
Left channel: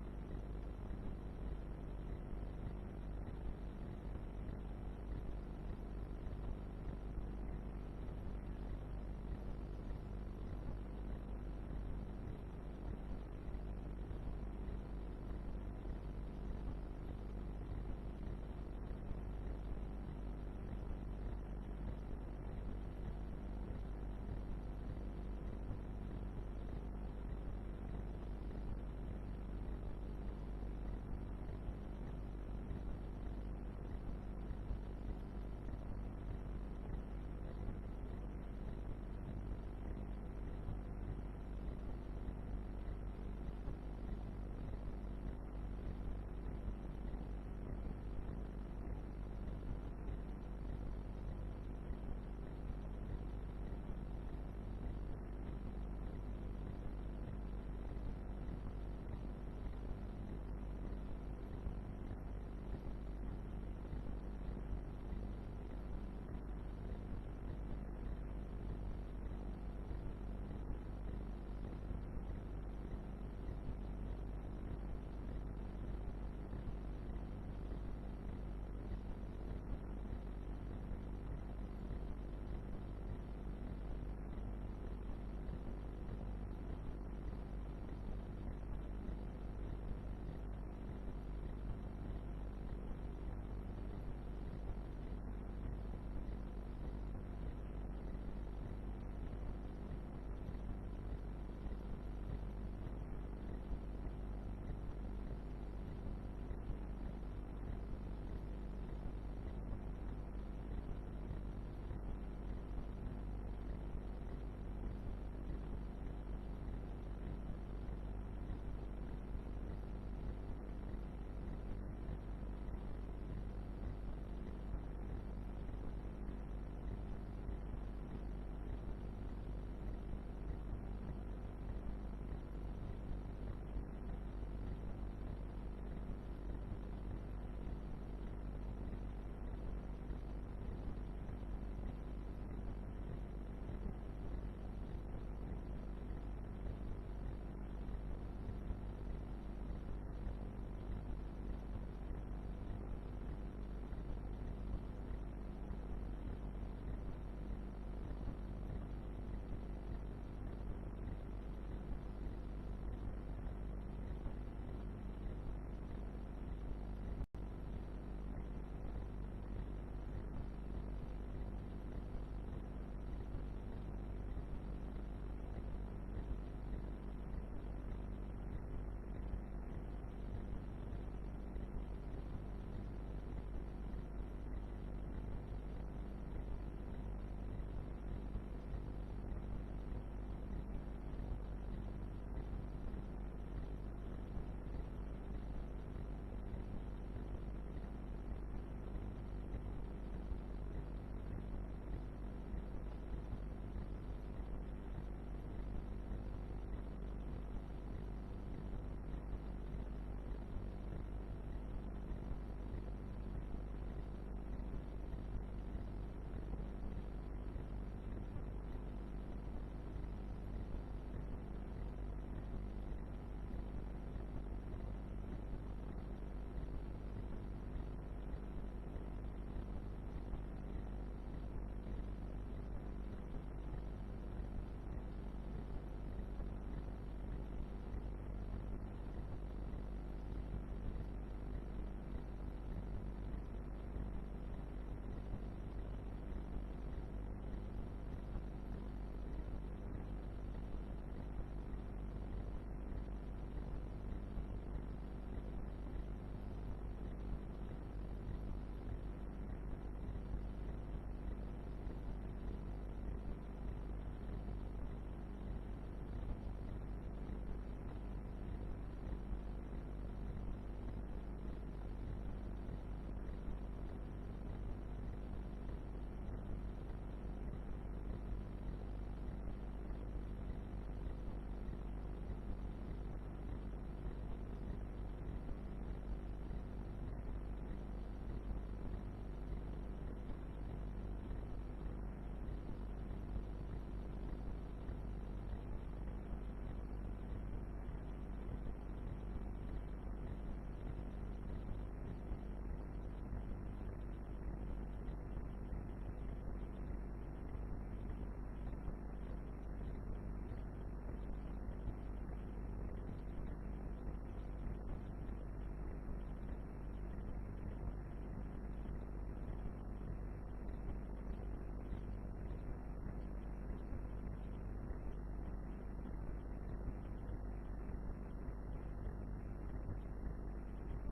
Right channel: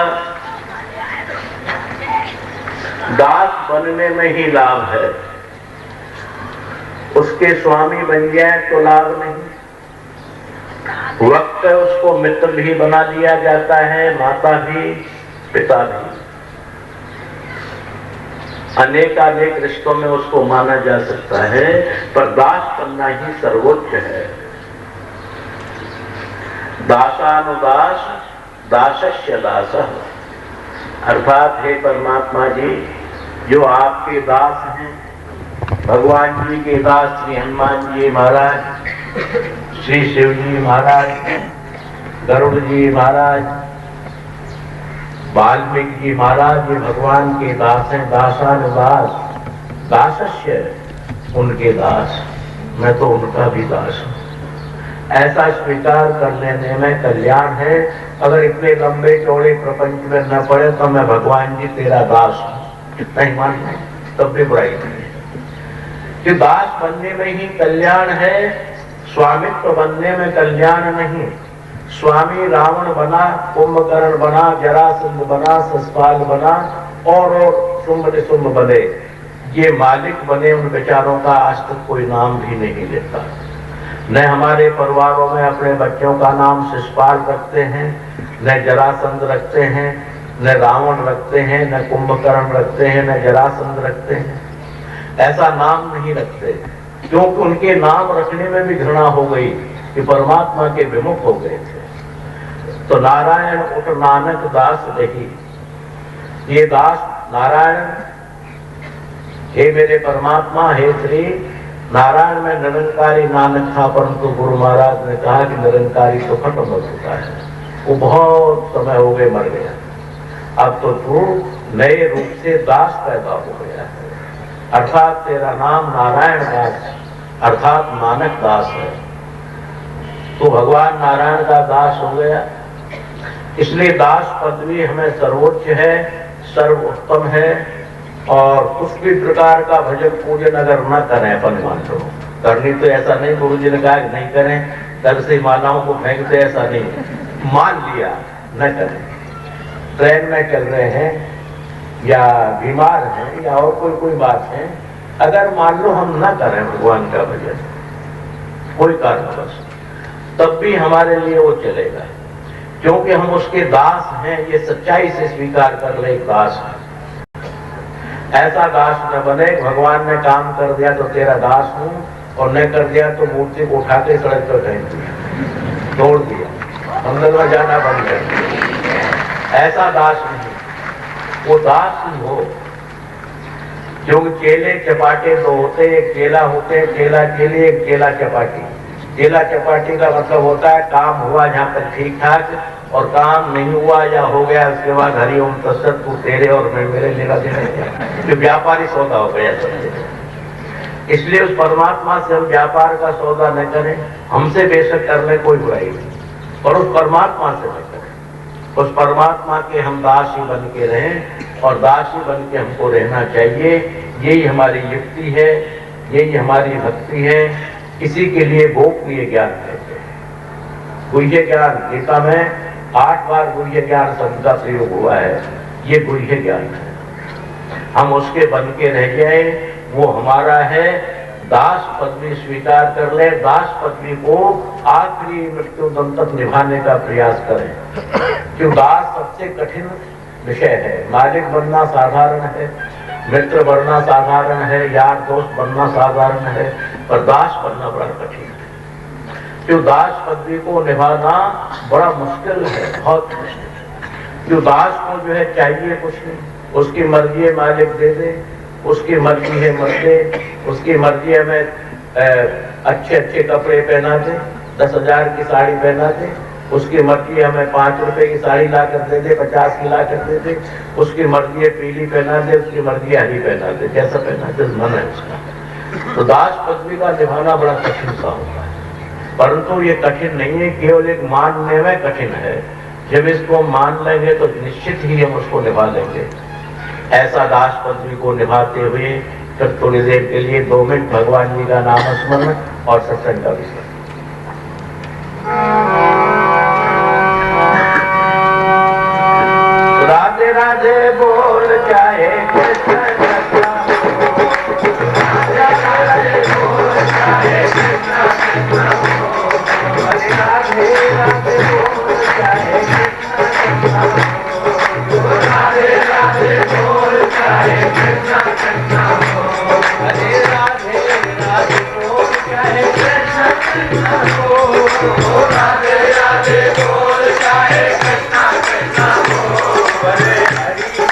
दास बनने में ही लाभ है। उसके स्वामी बन जाए तो लाभ नहीं। वक्त है उसको मित्र भी बना दिया जाता है, माता भी, पिता भी, अनेकानेक रिश्तों में उसको माना जा सकता है, पर दास बनना ही सर्वोच्च है। दासानुदास दासस्य दासः, अर्थात हे परमात्मा जी, जो आपके दास हैं, भगवान जी के दास श्री हनुमान जी महाराज, श्री शिव जी महाराज, गरुड़ जी महाराज, वाल्मीकि जी महाराज, ये भगवान के दास हैं। दासानुदास दासस्य, उनके दास, मैं तो उनका भी दास हूं। ऐसा स्वीकार कर लेने में कल्याण है। अगर इतने लंबे चौड़े प्रपंच में न पड़े तो मैं भगवान जी तेरा दास हूं, इतना ही मान लें, तब भी बुराई नहीं है। कि दास बनने में ही कल्याण है, स्वामित्व बनने में कल्याण नहीं। स्वामी रावण बना, कुंभकर्ण बना, जरासंध बना, शिशुपाल बना और शुंभ निशुंभ बने, ये मालिक बने, उन बेचारों का आज तक कोई नाम भी नहीं लेता। न हमारे परिवारों में अपने बच्चों का नाम शिशुपाल रखते हैं, न जरासंध रखते हैं, न रावण रखते हैं, न कुंभकर्ण रखते हैं, न जरासंध रखते हैं। ऐसा नाम नहीं रखते, क्योंकि उनके नाम रखने में भी घृणा हो गई कि परमात्मा के विमुख हो गए थे। तो नारायण उठ नानक दास रही, ये दास नारायण, हे मेरे परमात्मा, हे श्री नारायण में निरंकारी नानक था, परंतु गुरु महाराज ने कहा कि निरंकारी तो खत्म हो चुका है, वो बहुत समय हो गए, मर गया। अब तो तू नए रूप से दास पैदा हो गया है, अर्थात तेरा नाम नारायण दास अर्थात नानक दास है। तो भगवान नारायण का दास हो गया, इसलिए दास पदवी हमें सर्वोच्च है, सर्वोत्तम है। और कुछ भी प्रकार का भजन पूजन अगर न करें अपन मान लो, करनी तो ऐसा नहीं, गुरु जी ने कहा कि नहीं करें, कल से मालाओं को फेंकते, ऐसा नहीं, मान लिया न करें। ट्रेन में चल रहे हैं या बीमार हैं या और कोई बात है, अगर मान लो हम न करें भगवान का भजन कोई कारणवश, तब भी हमारे लिए वो चलेगा, क्योंकि हम उसके दास हैं। ये सच्चाई से स्वीकार कर ले, दास है। ऐसा दास न बने, भगवान ने काम कर दिया तो तेरा दास हूं, और न कर दिया तो मूर्ति को उठा के सड़क पर फेंक दिया, तोड़ दिया, मंदिर में जाना बंद कर दिया। ऐसा दास नहीं, वो दास ही हो। क्योंकि केले चपाटे तो होते, एक केला होते, केला केले, एक केला चपाटी। केला चपाटी का मतलब होता है काम हुआ जहां तक ठीक ठाक, और काम नहीं हुआ या हो गया उसके बाद हरिओम तत्सत, तू तेरे और मैं मेरे लेना देना, जो व्यापारी सौदा हो गया समझे। इसलिए उस परमात्मा से हम व्यापार का सौदा न करें, हमसे बेशक करने कोई बुराई नहीं, पर उस परमात्मा से न करें। उस परमात्मा के हम दास ही बन के रहें, और दास ही बन के हमको रहना चाहिए। यही हमारी युक्ति है, यही हमारी भक्ति है। इसी के लिए गोपनीय ज्ञान कहते हैं। गुह्य ज्ञान, गीता में 8 बार गुह्य ज्ञान शब्द का प्रयोग हुआ है, ये गुह्य ज्ञान है। हम उसके बन के रह जाए, वो हमारा है। दास पदवी स्वीकार कर ले, दास पदवी को आखिरी मृत्यु दम तक निभाने का प्रयास करें। क्यों दास सबसे कठिन विषय है। मालिक बनना साधारण है, मित्र बनना साधारण है, यार दोस्त बनना साधारण है, पर दास बनना बड़ा कठिन है। क्यों दास पदवी को निभाना बड़ा मुश्किल है, बहुत मुश्किल। क्यों दास को जो है चाहिए कुछ नहीं, उसकी मर्जी है मालिक दे दे, उसकी मर्जी है मत दे, उसकी मर्जी है मैं अच्छे अच्छे कपड़े पहना दे, 10,000 की साड़ी पहना दे, उसकी मर्जी है हमें 5 रुपए की साड़ी ला कर दे दे, 50 की ला कर दे दे, उसकी मर्जी है पीली पहना दे, उसकी मर्जी है हरी पहना दे, जैसा पहना दे मन है उसका। तो दास पदवी का निभाना बड़ा कठिन सा होता है, परंतु ये कठिन नहीं है, केवल एक मानने में कठिन है। जब इसको मान लेंगे तो निश्चित ही हम उसको निभा लेंगे। ऐसा दास पदवी को निभाते हुए फिर थोड़ी देर के लिए 2 मिनट भगवान जी का नाम स्मरण और सत्संग का विषय। राधे राधे बोल चाहे कृष्ण कृष्ण, राधे राधे बोल चाहे कृष्ण कृष्ण, राधे राधे बोल चाहे कृष्ण कृष्ण, राधे राधे बोल चाहे कृष्ण कृष्ण, राधे राधे बोल चाहे कृष्ण कृष्ण, राधे राधे बोल चाहे कृष्ण कृष्ण, हरे हरि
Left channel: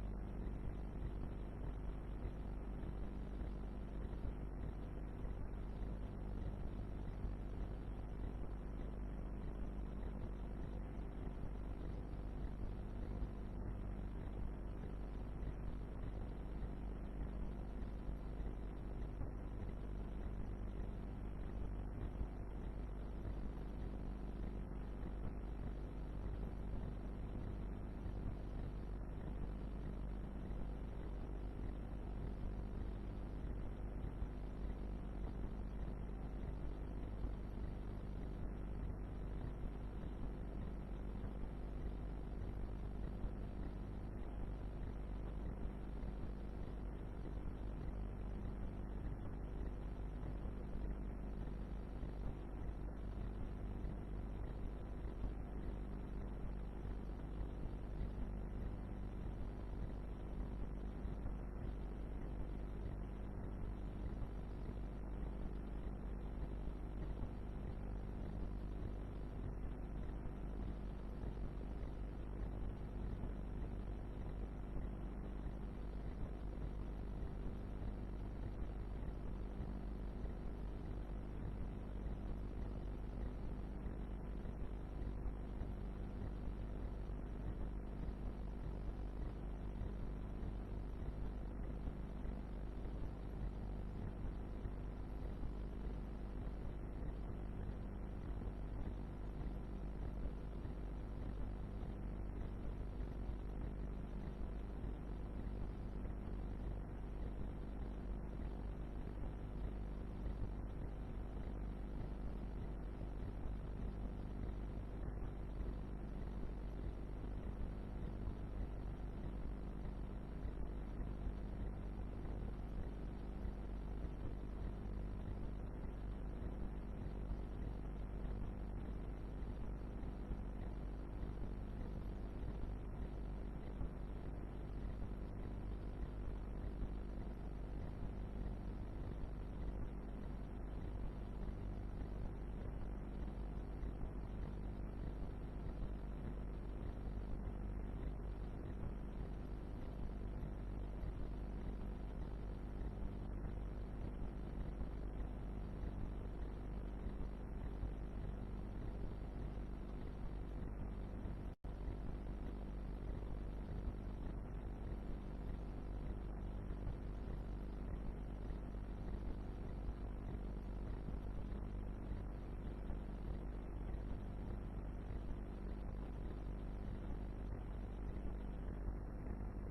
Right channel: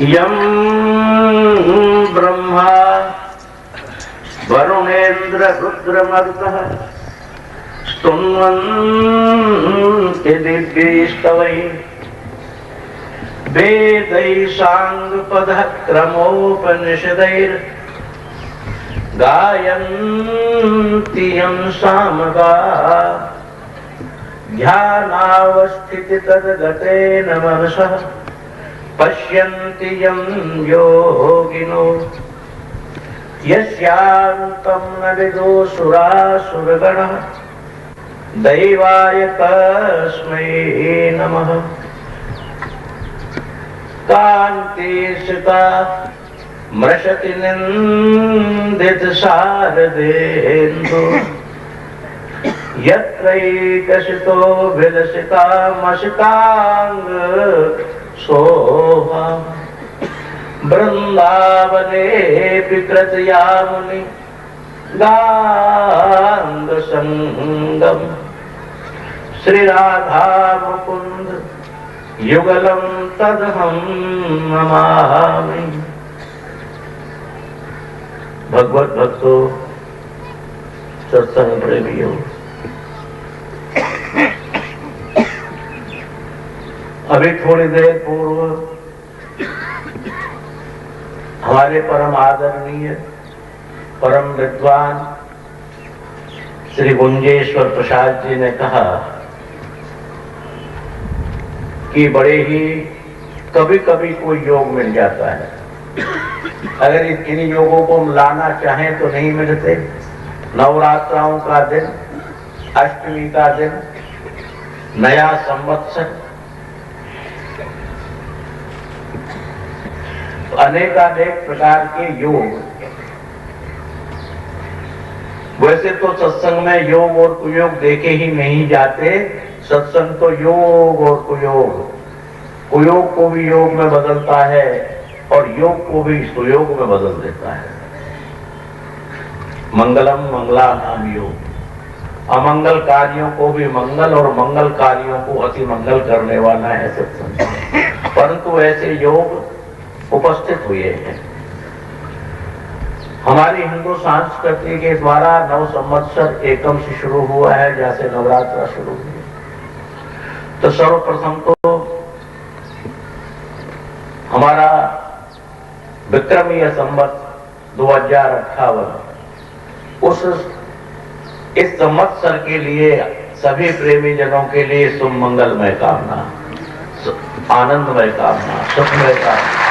यं ब्रह्मा वरुणेन्द्र रुद्रमरुतः स्तुन्वन्ति दिव्यैस्तवैः वेदैः साङ्गपदः क्रमोपनिषदैर् गायन्ति यं सामगाः ध्यानावस्थितितद्गतेन मनसः पश्यन्ति यं योगिनो यस्यान्तं न विदुषुरासुरगणः दैवाय तस्मै नमः। कान्तिसुता मृषति निन्दितशारदेन्दु यत्रैकसितो विलसितामसिताङ्ग शोभा वृन्दावनेऽपि कृतयामुनि गाङ्गसङ्गम् श्रीराधा मुकुन्द युगलं तदहं नमामि। भगवत भक्तों, सत्संग प्रेमियों, अभी थोड़ी देर पूर्व हमारे परम आदरणीय परम विद्वान श्री गुंजेश्वर प्रसाद जी ने कहा कि बड़े ही कभी कभी कोई योग मिल जाता है, अगर इन योगों को लाना चाहें तो नहीं मिलते। नवरात्राओं का दिन, अष्टमी का दिन, नया संवत्सर, अनेकानेक प्रकार के योग। वैसे तो सत्संग में योग और कुयोग देखे ही नहीं जाते। सत्संग तो योग और कुयोग, कुयोग को भी योग में बदलता है और योग को भी सुयोग में बदल देता है। मंगलम मंगलानाम योग, अमंगल कार्यों को भी मंगल और मंगल कार्यों को अति मंगल करने वाला है सत्संग। परंतु ऐसे योग उपस्थित हुए हैं। हमारी हिंदू संस्कृति के द्वारा नव संवत्सर एकम से शुरू हुआ है, जैसे नवरात्र शुरू हुई। तो सर्वप्रथम तो हमारा विक्रमीय संवत 2058 इस संवत्सर के लिए सभी प्रेमी जनों के लिए शुभ मंगलमय कामना, आनंदमय कामना, सुखमय कामना।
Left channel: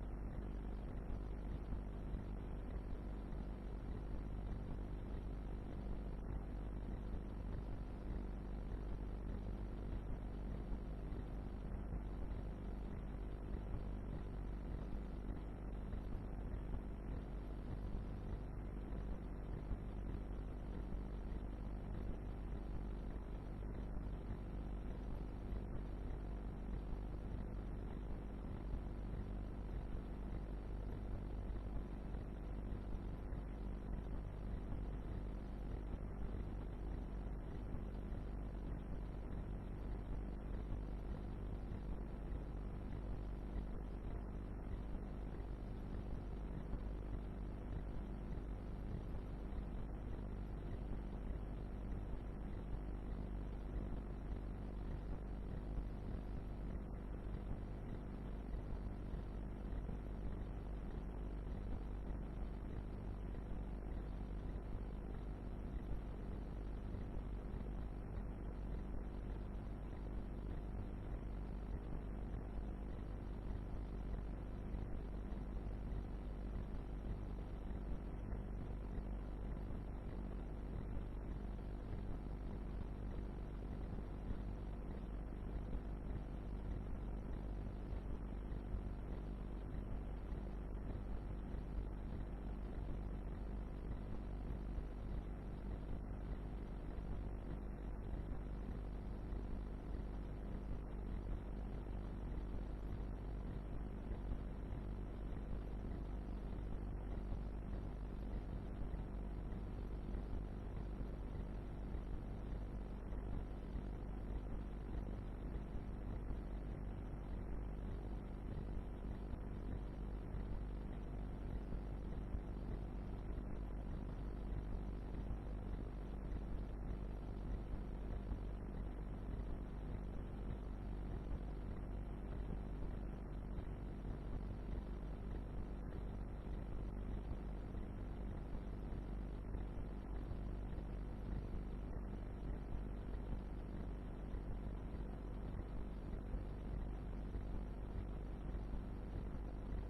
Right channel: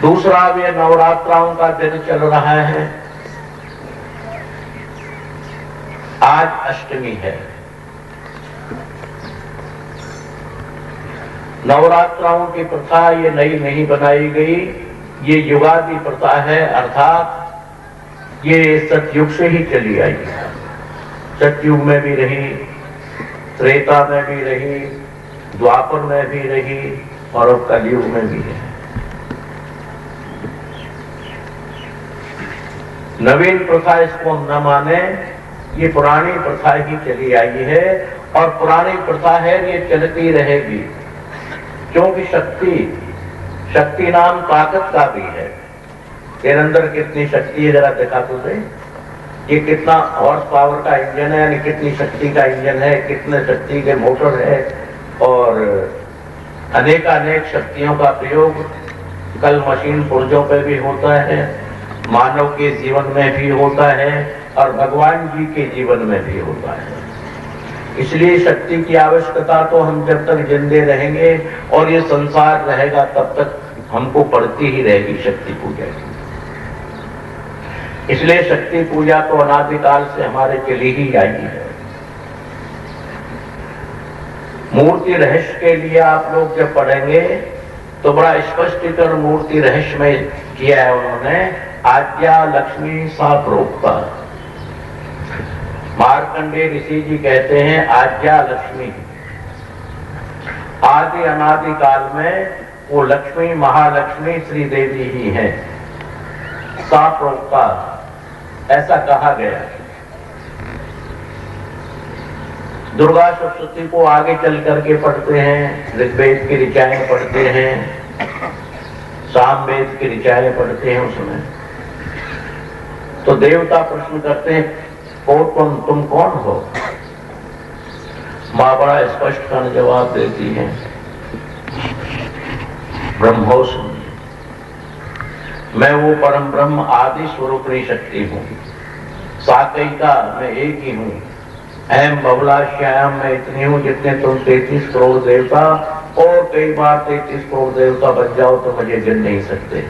दूसरा, ये नवरात्राओं का दिन चल रहा है। आज अष्टमी है। नवरात्राओं की प्रथा ये नई नहीं बनाई गई, ये युगादि प्रथा है, अर्थात ये सतयुग से ही चली आई है। सतयुग में भी रही, त्रेता में भी रही, द्वापर में भी रही और अब कलयुग में भी है। नवीन प्रथा इसको न माने, ये पुरानी प्रथा ही चली आई है और पुरानी प्रथा है, ये चलती रहेगी। क्योंकि शक्ति नाम ताकत का भी है। तेरे अंदर कितनी शक्ति है जरा दिखा तो दे। ये कितना हॉर्स पावर का इंजन है, यानी कितनी शक्ति का इंजन है, कितने शक्ति के मोटर है और अनेकानेक शक्तियों का प्रयोग कल मशीन पुर्जों पे भी होता है, मानव के जीवन में भी होता है और भगवान जी के जीवन में भी होता है। इसलिए शक्ति की आवश्यकता तो हम जब तक जिंदे रहेंगे और ये संसार रहेगा तब तक हमको पड़ती ही रहेगी शक्ति पूजा की। इसलिए शक्ति पूजा तो अनादिकाल से हमारे चली ही आई है। मूर्ति रहस्य के लिए आप लोग जब पढ़ेंगे तो बड़ा स्पष्टीकरण मूर्ति रहस्य में किया है उन्होंने। आद्या लक्ष्मी सा प्रोक्ता, मार्कंडेय ऋषि जी कहते हैं आद्या लक्ष्मी, आदि अनादि काल में वो लक्ष्मी महालक्ष्मी श्री देवी ही है। सा प्रोक्ता, ऐसा कहा गया। दुर्गा सप्तशती को आगे चल करके पढ़ते हैं, ऋग्वेद की ऋचाएं पढ़ते हैं, सामवेद की ऋचाएं पढ़ते हैं। उसमें तो देवता प्रश्न करते हैं, ओ तुम कौन हो? मां बड़ा स्पष्ट का जवाब देती है, ब्रह्मोस्मि, मैं वो परम ब्रह्म आदि स्वरूपणी शक्ति हूं, साकैका मैं एक ही हूं, अहम बबलाश्याम मैं इतनी हूं जितने तुम 33 करोड़ देवता और कई बार 33 करोड़ देवता बन जाओ तो मुझे गिन नहीं सकते।